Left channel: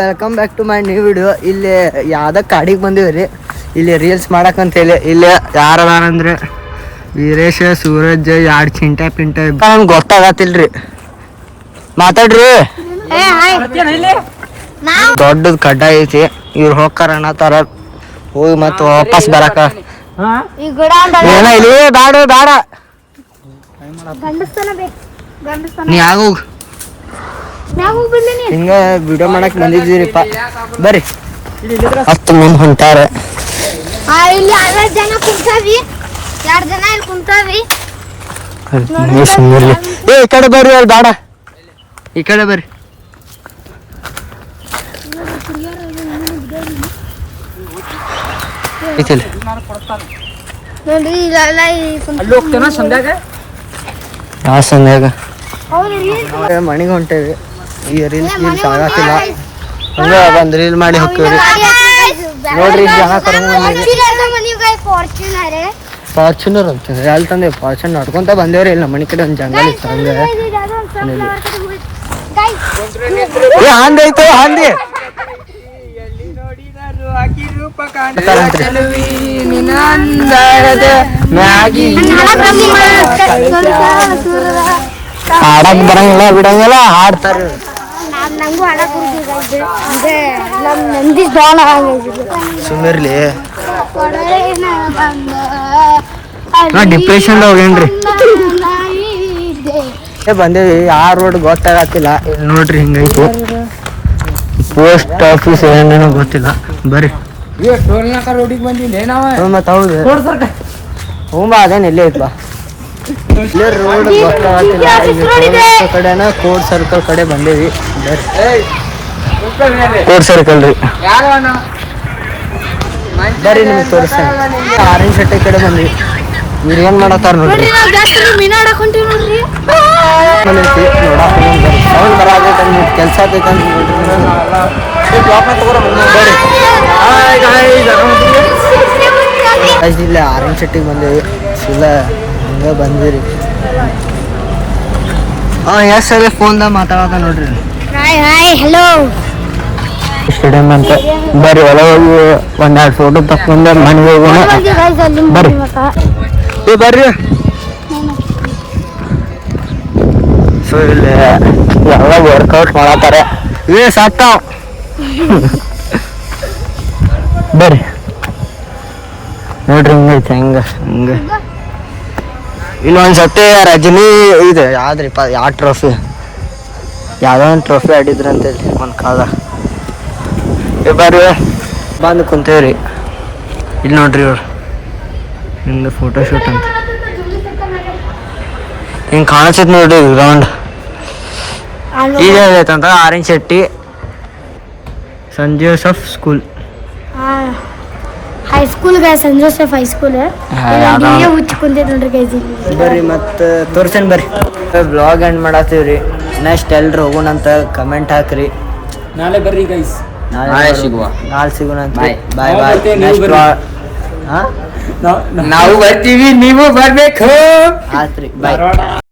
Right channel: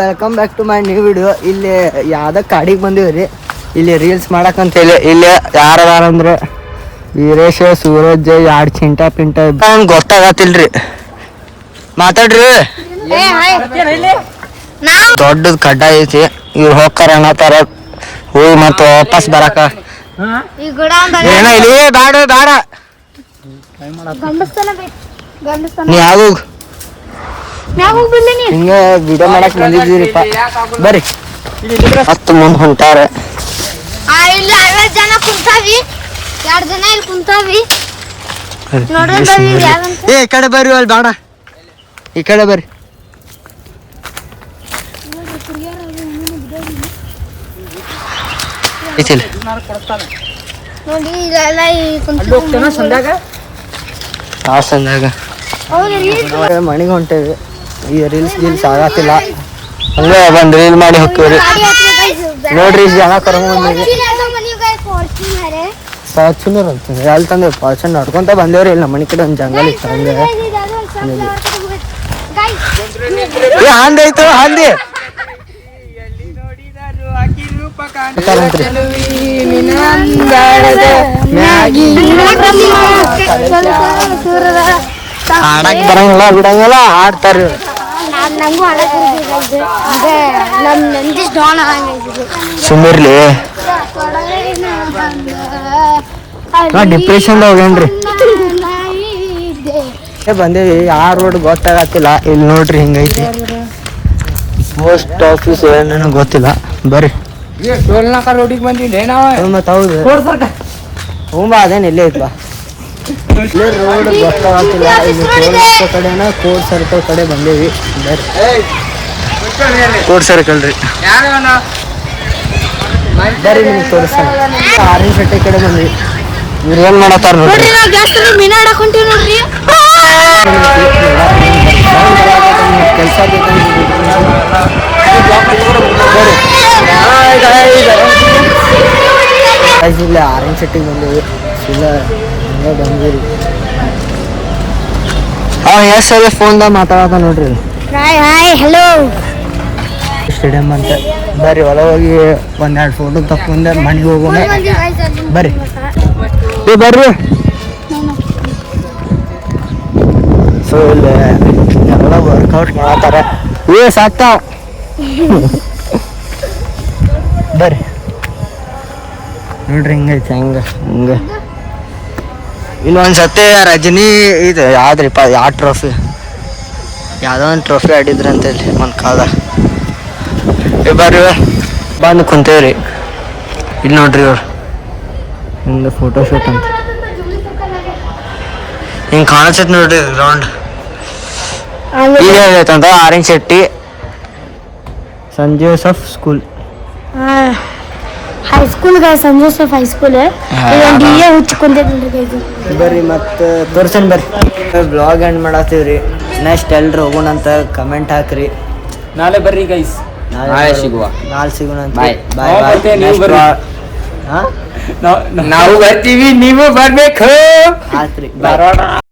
Welcome back to my new video. ಇಲ್ಲಿ ಯಾವ್ದ ಕಾಡಿಗೆ ಬಂದಿವ್ರಿ, ಇಲ್ಲಿ ರೀಲ್ಸ್ ಮಾಡಕ್ಕಂತೇಳಿ. ಇಲ್ಲಿ ಯಾರದಾರಂದ್ರೆ ವೀರೇಶ, ಸೂರಜ್, ಯಾಡ್ ಚಿಂಟ ಪಿಂಟ ಗೊತ್ತಾಗತ್ತಿಲ್ರಿ. ಮಾತಾಡ್ರಿ. ದೊಡ್ಡದ್ ಕಡ್ಡ ಐತಿ, ಇವ್ರು ಹೋಗ್ತಾರ ಅನ್ನತಾರ. ಹೋಗಿ ಮತ್ತ ವಾಪಸ್ ಬರಾಕ ಏನ ಇಲ್ಲಿ ಬ್ಯಾಡ ಬ್ಯಾಡ ನೀ ಆಗು. ಹಿಂಗ ವಿಡಿಯೋ ಮಾಡಕ್ ಬಂದಿದ್ದೀರಿಪ್ಪ, ಬರ್ರಿ. ನಮ್ ಹೊಂಟಾರ ಏ ಈ ಕಡೆ ಬರ್ರಿ, ಅಲ್ಲಿ ಬೇಡ, ಈ ಕಡೆ ಬರ್ರಿ. ಮಣಿಗೆ ಹೊಂಟೇವಿ. ಈ ರೀಲ್ಸ್ ಗೀಲ್ಸ್ ಆಗತ್ತಿಲ್ಲ, ಹಂಗೆ ಒಂದು ರೀಲ್ ಮಾಡಿ ಹೋಗ್ತೀವಿ. ನೋಡ್ರಿ ಜನ ಕರ್ಕೊಂಡ್ಬಂದಿವಿ. ಫಾರ್ಚುನರ್ ಅಂತ ಎಲ್ಲಿ ತಂದೆ ಫಾರ್ಚುನರ್ ನಡ್ಕೊಂತ ಬಂದೇವ್ರಿ. ಇಲ್ಲಿ ನಮ್ಮ ಮನೆ ಕಡೆ ಒಂದು ಜಂಗಲ್ ಇತ್ತು, ಹಂಗೆ ಹಂದಿ ಐತು. ಹಂದಿ ಆಡಕ್ ಬರಂಗಿಲ್ಲ, ಬಿಡಂಗಿಲ್ಲ, ಆಡ್ತಾರ್ರಿ. ಸುಮ್ಮರ್ಲಿ, ಡಿಪ್ರೆಷನ್ ಹೋಗೇನ್ರಿ. ಬಂದೇವಿ, ಆ ರೋಡ್ ಗೊತ್ತಾಗತ್ತಿಲ್ಲ. ಇಲ್ಲಿ ನೋಡ್ರಿ ಹಿಂಗೈತಿ ಪೋಸ್ಟ್ ಆಫೀಸ್, ಏನೇನೋ ಗೊತ್ತಿಲ್ಲ. ಬರ್ರಿ. ರೋಡಿಗೆ ಬಂದಿಲ್ಲ ಮತ್ ಹೌದು ಅದೇನು ಇಲ್ಲೇ ಐತ್ಬಾ. ಇಲ್ಲೇ ರೋಡ್ ಗೊತ್ತಾಗತ್ತಿಲ್ಲ. ಇಲ್ಲಿ ಟೋಲ್ ಕಡೆನ ಕೋರ್ಟ್ ಸರ್ಕಲ್ ಕಡೆ ಬಂದೇವಿ. ಬರ್ರಿ, ಕೋರ್ಟ್ ಸರ್ಕಲ್ ರೀ. ಬರ್ರಿ ನಿಮ್ಗೆ ತೋರಿಸ್ತಾನೆ. ಆರೆಂಜ್ ಶೆಟ್ಟಿ ಕಡೆ ಬಂದ್ವಿ. ಇವ್ರು ಏನ್ ಮಾಡತ್ತಾರ ನೋಡ್ರಿ. ಸೌಂಡ್ ಬರಾಗೈತೆ, ಕೆಲಸ ಆಗ್ತೈತೆ ಬರ್ರಿ. ಇಲ್ಲ ಆರೆಂಜ್ ಶೆಟ್ಟಿಗೆ ಬಂದೇವಿ. ಇಲ್ಲ ಹಂಗ ಬಂದಿರಿ. ಎಸ್ ಸರಿ ಫೋನ್ದಾಗ ಮಾತಾಡಕ ನೋಡ್ರಿ. ಹಲೋ ಸ್ಟೇಡಿಯಂ ಅಂತ. ಬರ್ರಿ ಹೊಲ ಹೋಗಿ ಒಂದೆರಡು ಫೋಟೋ ತಕ್ಕೊಂಡೆ ಮನೆಗೆ ಹೋಗೋಣ. ಬರ್ರಿ ಬರ್ರಿ. ಸೊ ಇಲ್ಲಿ ಎಲ್ಲ ವರ್ಕೌಟ್ ಮಾಡತ್ತಾರ. ಸಾಕ್ತಾವ. ಬರ್ರಿ ನೋಡ್ರಿ ಹಿಂಗೈತೆ ಹಂಗ ಹಂಗ. ಇಲ್ಲಿ ಒಂದ್ಸತಿ ರಜನಿ ಇದು ಯಾವ್ದ್ರಿಪ್ಪ, ಯಾವ ಟ್ರೋಫಿ, ಯಾವ್ದೋ ಒಂದು ಟ್ರೋಫಿ ಆಡಿದ್ರಿ ಅಂತೇಳಿ ಒಂದು ಕಾಲ. ಬರ್ರಿ ಬಂದು ಕುಂತೇವ್ರಿ. ಇಲ್ಲಿ ನೋಡ್ರಿ ಇವ್ರು ಹಿಂಗೆ ಫೋಟೋಶೂಟ್ ಅಂತ ಹಿಂಗೆ ಕಾಣಿಸ್ತೈತಿ ನೋಡ್ರಿ ಗ್ರೌಂಡ್. ಈಗ ಐತಂತ ಆರೆಂಜ್ ಶೆಟ್ಟಿ ಸಂತ್ ಜೋಸೆಫ್ ಸ್ಕೂಲ್ ಹೈಸ್ಕೂಲ್ ಸಂತ್ ಜೋಸೆಫ್ ಹೈಸ್ಕೂಲ್. ಬರ್ರಿ ಮತ್ತೆ ತೋರ್ಸನ್ ಬರ್ರಿ. Blog end ಮಾಡತ್ತೀವ್ರಿ. ನೆಕ್ಸ್ಟ್ ಎಲ್ರು ಹೋಗೋಣ ಅಂತ ಕಮೆಂಟ್ ಹಾಕ್ರಿ. ನಾಳೆ ಬರ್ರಿ ಗೈಸ್, ನಾಳೆ ಸಿಗೋಣ ಅಂತ. ಬಾಯ್ ಬಾಯ್. ನಾವು ಬರ್ತೀವಿ, ನೀವು ಬರ್ಬೇಕು. ಆತ್ರಿ ಬಾಯ್.